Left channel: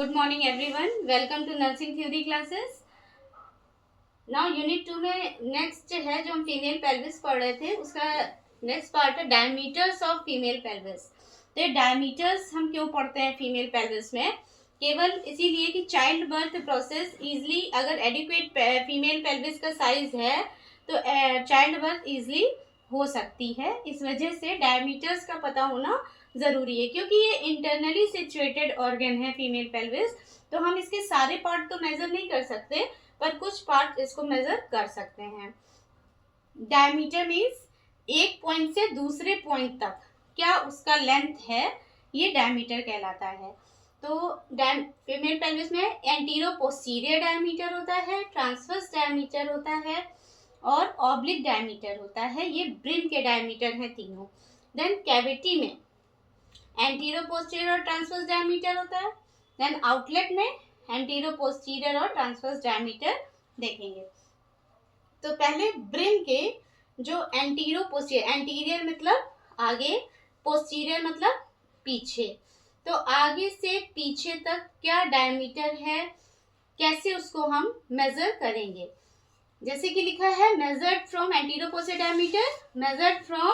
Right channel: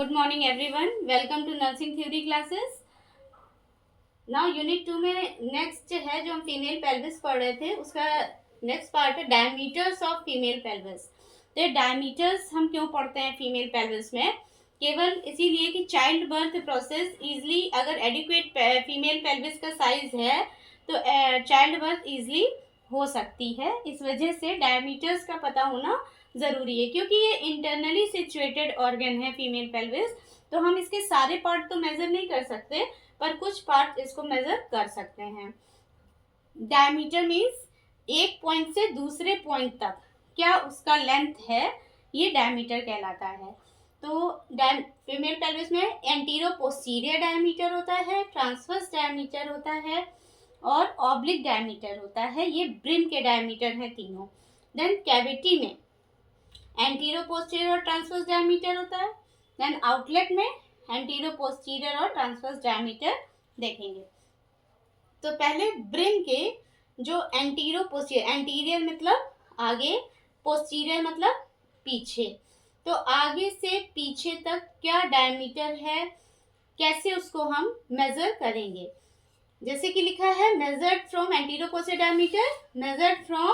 Good morning everyone, welcome to nursing theory classes. Now unit 2 में next है जो हम फीमेल पेल्विस पढ़ रहे थे, उसका नेक्स्ट पार्ट है डायमीटर्स ऑफ फीमेल पेल्विस। तो डायमीटर्स हम क्यों पढ़ते हैं फीमेल पेल्विस में? केवल इसीलिए कि चाइल्ड बर्थ प्रोसेस इजली, अगर एडिक्वेट फीमेल पेल्विस का साइज है तो चाइल्ड बर्थ इजली हो सकती है। इस वजह से डायमीटर्स का पता होना ज़रूरी है, क्योंकि ये इंटरनली सिचुएटेड ऑर्गन है फीमेल पेल्विस। तो हम इसके सारे पार्ट तो मेज़र नहीं कर सकते, पर कुछ पार्ट इसको मेज़र कर सकते हैं। डायमीटर मीन्स एक पॉइंट से दूसरे पॉइंट तक क्या उसका लेंथ है, ये डायमीटर कहलाता है। तो फीमेल पेल्विस में एंटीरो पोस्टीरियर डायमीटर होता है, ट्रांसवर्स डायमीटर होता है और ऑब्लिक डायमीटर होता है। ये ब्रिम के डायमीटर हैं तीनों। देन कैविटी में एंटीरो पोस्टीरियर और ट्रांसवर्स डायमीटर होता है। देन आउटलेट में एंटीरो पोस्टीरियर और ट्रांसवर्स डायमीटर देखेंगे। तो पहले ब्रिम के जो एंटीरो पोस्टीरियर, एंटीरियर मतलब आगे, पोस्टीरियर मतलब पीछे, तो आगे से पीछे तक क्या डायमीटर है, कैसे उसको हम मेजर करेंगे। जैसे कि लिखा है measured from antero posterior diameter, measured from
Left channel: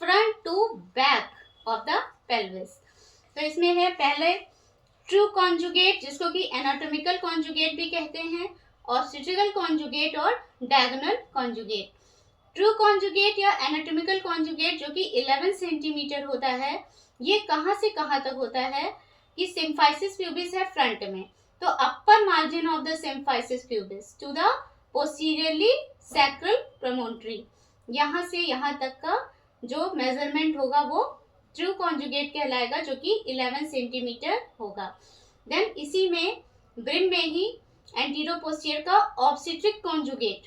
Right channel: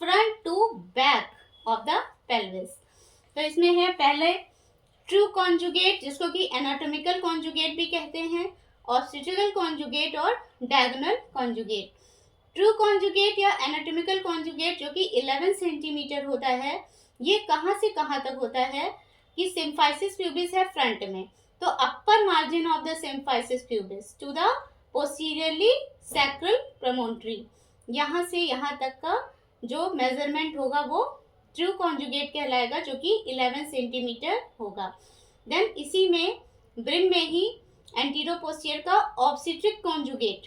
front to back of the pelvis. तो इसमें है पहले ट्रू कॉन्जुगेट, जिसको कि एनाटॉमिकल कॉन्जुगेट भी कहते हैं, ऑब्स्टेट्रिकल कॉन्जुगेट और डायगोनल कॉन्जुगेट। ट्रू कॉन्जुगेट या एनाटॉमिकल कॉन्जुगेट जो कि 11 सेंटीमीटर होता है, ये कहाँ से कहाँ तक होता है कि सिम्फाइसिस प्यूबिस है फ्रंट में, तो upper margin of the symphysis pubis to the posteriorly sacral promontory, यहाँ से यहाँ तक का जो मेजरमेंट होगा वो ट्रू कॉन्जुगेट कहलाएगा, जो कि 11 सेंटीमीटर होगा। देन इसी में ब्रिम में ही एंटीरो पोस्टीरियर का ऑब्स्टेट्रिक कॉन्जुगेट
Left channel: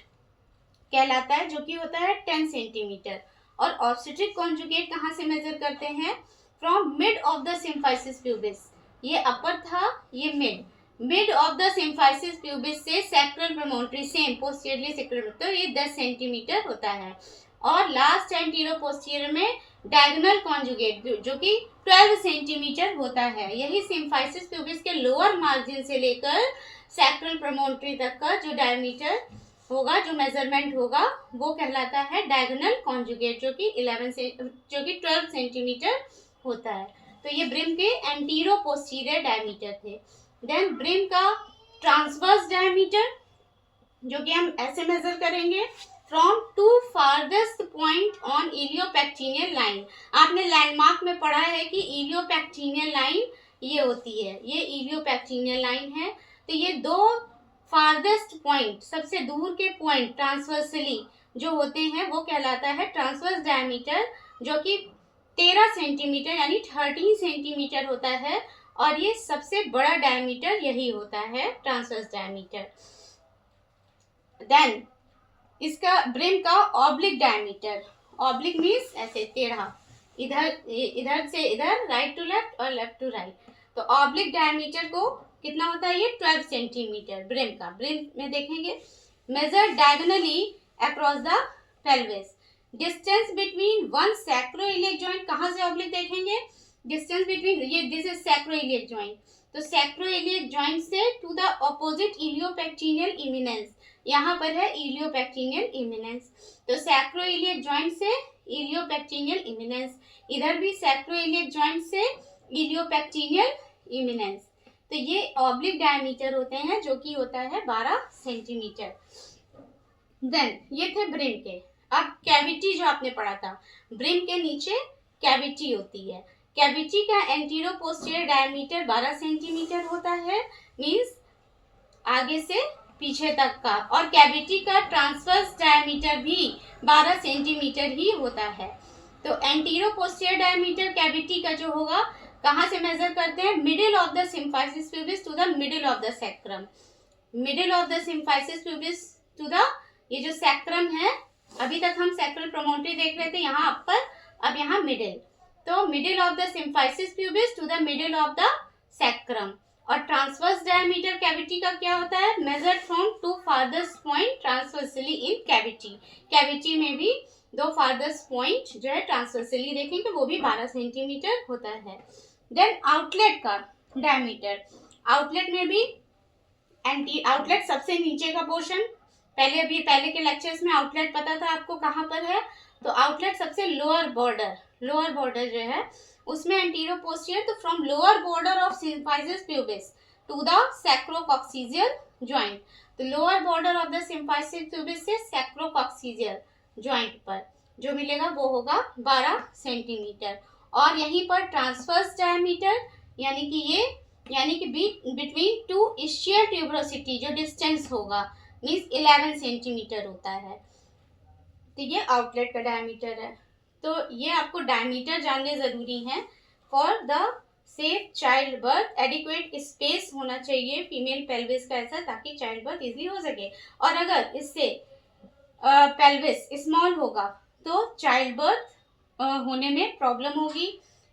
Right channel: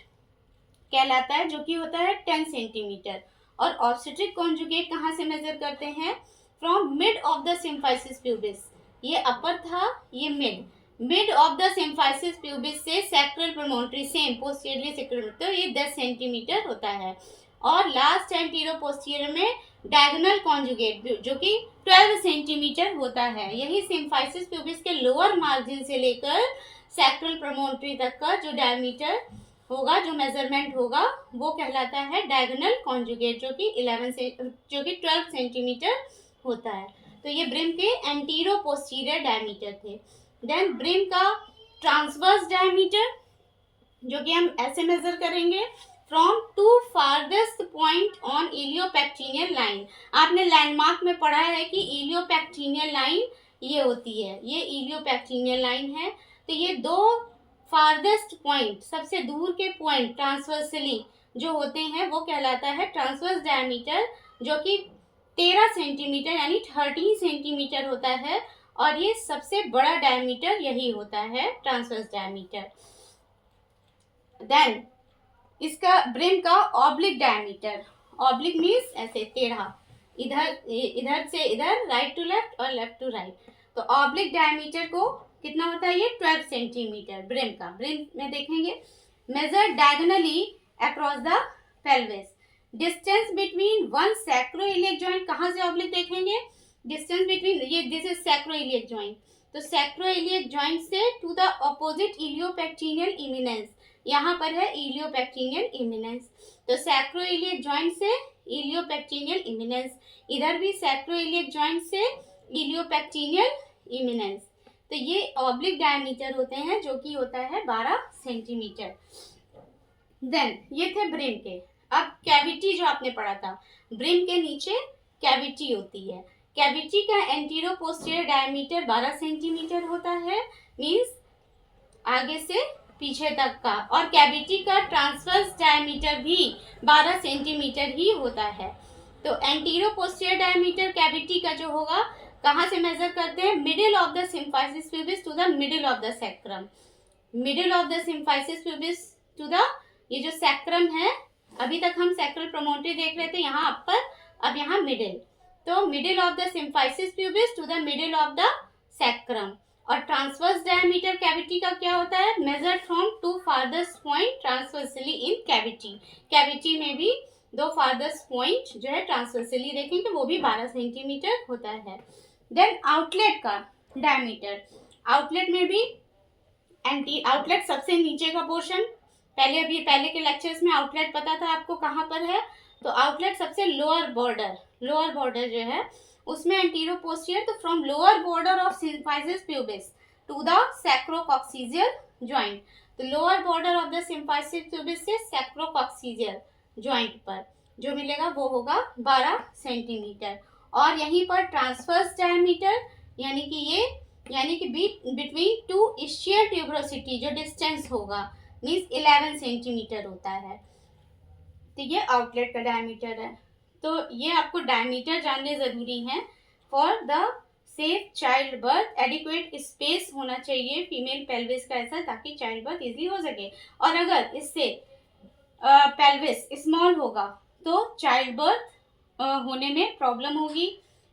कहलाता है, जो कि होता है 10 सेंटीमीटर। और ऑब्स्टेट्रिक कॉन्जुगेट कहाँ से मेजर करते हैं? From mid of the symphysis pubis, ये अपर था, ये mid of the symphysis pubis से सैक्रल प्रमोन्ट्री, सेम पोस्टीरियरली सैक्रल, तो ये 10 सेंटीमीटर होता है। और लास्ट एंटीरो पोस्टीरियर में डायगोनल कॉन्जुगेट जो कि 12 सेंटीमीटर होता है। यही सिम्फाइसिस प्यूबिस के लोअर मार्जिन से लेकर सैक्रल प्रमोन्ट्री तक का जो डायमीटर होगा, जो मेजरमेंट होगा, वो कहलाता है डायगोनल कॉन्जुगेट, जो कि 12 सेंटीमीटर होता है। तो ये ब्रिम के एंटीरो पोस्टीरियर डायमीटर थे। देन ब्रिम का ट्रांसवर्स डायमीटर, जो कि हम ऐसे मेजर करेंगे, from to farthest point on iliopectineal line. आपने लैंडमार्क में पढ़ा है कि इलियोपेक्टिनियल लाइन ये होती है, ये इलियोपेक्टिनियल लाइन है। तो ये दो फारदेस्ट पॉइंट, सबसे दूर के पॉइंट ट्रांसवर्सली जो होते हैं, वो कहलाता है ट्रांसवर्स डायमीटर, जो कि 13 सेंटीमीटर यानी 13 सेंटीमीटर होता है। और ये सबसे बड़ा डायमीटर यही होता है, ट्रांसवर्स डायमीटर। देन इसका ब्रिम का ऑब्लिक डायमीटर, ऑब्लिक मीन्स ऐसे टेढ़ा, इधर से इधर, राइट टू लेफ्ट और लेफ्ट टू राइट। तो ऑब्लिक डायमीटर को कितना होता है? ये 12 सेंटीमीटर ब्रिम का। ब्रिम में देखेंगे measure diagonally across the pelvis, distance between one sacroiliac joint. कहाँ से ऑब्लिक देखेंगे? डिस्टेंस बिटवीन, ये दिस इज सैक्रोइलियक जॉइंट, तो सैक्रोइलियक जॉइंट से to the opposite iliopectineal eminence, यहाँ पर है इलियोपेक्टिनियल इमिनेंस। तो सैक्रोइलियक जॉइंट से इलियोपेक्टिनियल इमिनेंस, इधर भी सैक्रोइलियक जॉइंट से इलियोपेक्टिनियल इमिनेंस। तो ये ऑब्लिक डायमीटर होते हैं, जो कि होता है 12 सेंटीमीटर। देन ये थे ब्रिम के। अब कैविटी जो आपने पढ़ा था, ब्रिम के नीचे कैविटी होती है। कैविटी का एंटीरो पोस्टीरियर डायमीटर 12 सेंटीमीटर होता है, मीन्स आगे से पीछे तक का। और कैविटी का ट्रांसवर्स डायमीटर भी 12 सेंटीमीटर ही होता है। तो एंटीरो पोस्टीरियर डायमीटर कैविटी का जो होगा, कहाँ से मेजर करते हैं? Middle of the symphysis pubis to the middle of the sacrum, middle of the symphysis pubis to the, ये जो सैक्रम है, अभी तक हम सैक्रल प्रमोन्ट्री देख रहे थे, यहाँ अपर, अब यहाँ मिडिल। तो middle of the symphysis pubis to the middle of the sacrum. और ट्रांसवर्स डायमीटर कैविटी का क्या होता है? Measured from to farthest point transversely in cavity. Cavity में भी दो फारदेस्ट पॉइंट जो है ट्रांसवर्सली देखेंगे, वो भी 12 सेंटीमीटर होता है। देन आउटलेट का डायमीटर, आउटलेट में भी आउटलेट सबसे नीचे का पोर्शन, पहले के लेक्चर्स में आउटलेट पता था आपको कहाँ पर है, तो आउटलेट सबसे लोअर बॉर्डर जो है उसमें एंटीरो पोस्टीरियर, तो from lower border of symphysis pubis to the sacrococcygeal joint, तो lower border of the symphysis pubis से सैक्रोकॉक्सीजियल जॉइंट पर जो मिलेगा वो होगा 12 सेंटीमीटर। और यहीं पर ट्रांसवर्स डायमीटर यानी कि बिटवीन टू इश्चियल ट्यूबरोसिटी जो डिस्टेंस होगा मीन्स 11 सेंटीमीटर होता है। तो ये आउटलेट का डायमीटर है। तो ये आपको डायमीटर जानने ज़रूरी हैं for the safe child birth. Adequate space होना चाहिए फीमेल पेल्विस का ऐसा, ताकि चाइल्ड बर्थ इजीली हो सके। और अगर इससे पेल्विस स्मॉल होगा तो चाइल्ड बर्थ होने में प्रॉब्लम होगी।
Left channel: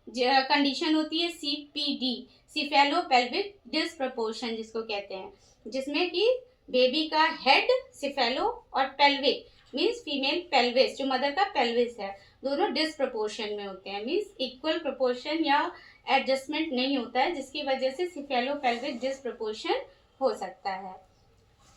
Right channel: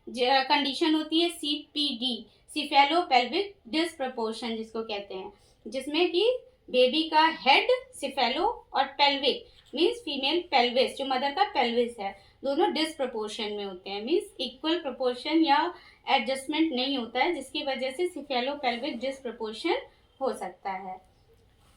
कंडीशन होती है CPD, सिफेलो पेल्विक डिसप्रपोर्शन जिसको कहते हैं, जिसमें कि बेबी का हेड सिफेलो और पेल्विक मीन्स फीमेल पेल्विस जो मदर का पेल्विस है दोनों डिसप्रपोर्शन में होते हैं, मीन्स इक्वल प्रोपोर्शन या एडजस्टमेंट नहीं होता है, जिसकी वजह से सिफेलो पेल्विक डिसप्रपोर्शन हो सकता है।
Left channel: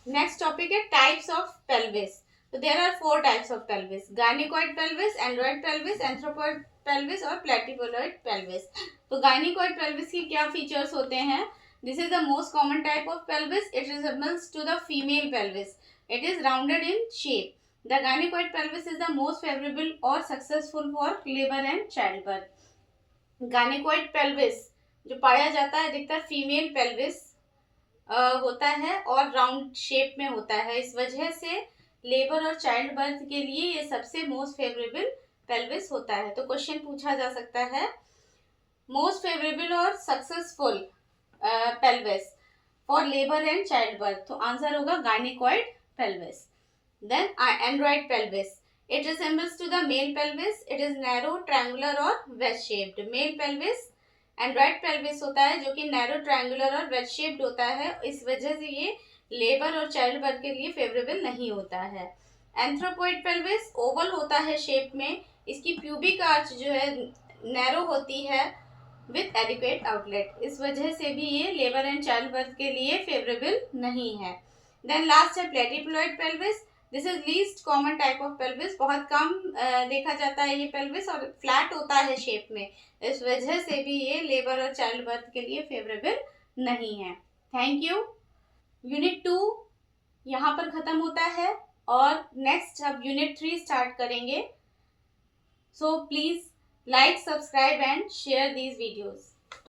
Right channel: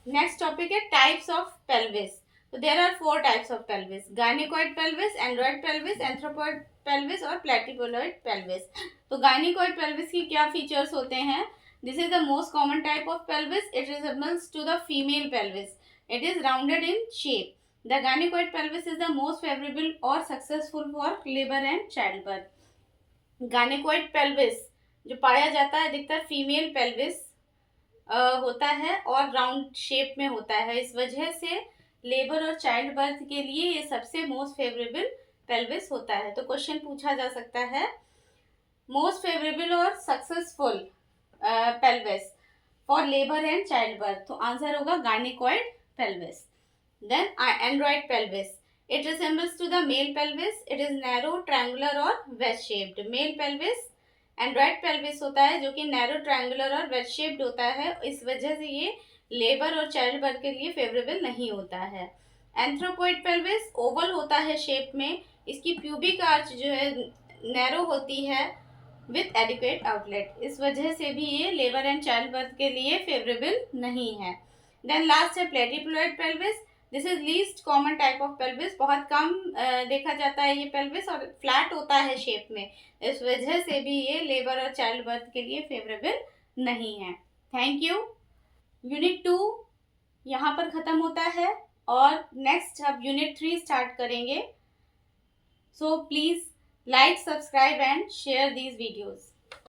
नेक्स्ट टॉपिक है टाइप्स ऑफ पेल्विस। तो there are 4 types of pelvis, gynaecoid pelvis, android pelvis, anthropoid pelvis और प्लेटिपोलॉइड पेल्विस। तो गायनिकॉइड पेल्विस की क्या फीचर्स होते हैं? This is the most common type of pelvis, it resembles to the female pelvis, it is rounded in shape. The gynaecoid pelvis is the most favourable और successful for labour and child birth. Gynaecoid pelvis जो पाया जाता है अधिकतर female pelvis होता है और round shape में होता है, इस वजह से लेबर और चाइल्ड बर्थ के लिए ये सबसे मोस्ट फेवरेबल पेल्विस होता है। तो क्वेश्चन पूछा जा सकता है मोस्ट फेवरेबल और successful pelvis for labour and child birth, तो आंसर होगा gynaecoid pelvis. Then android pelvis, it resembles to the male pelvis, it is narrow, triangular और wedge shaped. Male pelvis android pelvis होता है जो कि narrow, triangular और wedge shaped होता है, इस वजह से ये लेबर और चाइल्ड बर्थ के लिए फेवरेबल नहीं होता है। एंथ्रोपॉइड पेल्विस ओवल होता है शेप में, इसकी प्यूबिक आर्च जो है नैरो होती है विथ एडिक्वेट आउटलेट, इस वजह से भी ये लेबर एंड चाइल्ड बर्थ के लिए फेवरेबल नहीं है। देन लास्ट है platypelloid pelvis, this is least common type of pelvis, बहुत कम देखा जाता है ये पेल्विस और फ्लैट होता है शेप में, इस वजह से भी ये लेबर और चाइल्ड बर्थ के लिए फेवरेबल नहीं है। Thank you. यूनिट 2 यहाँ पर ख़त्म होता है और नेक्स्ट अब यूनिट 3 स्टार्ट करेंगे। So please like, subscribe and share these videos.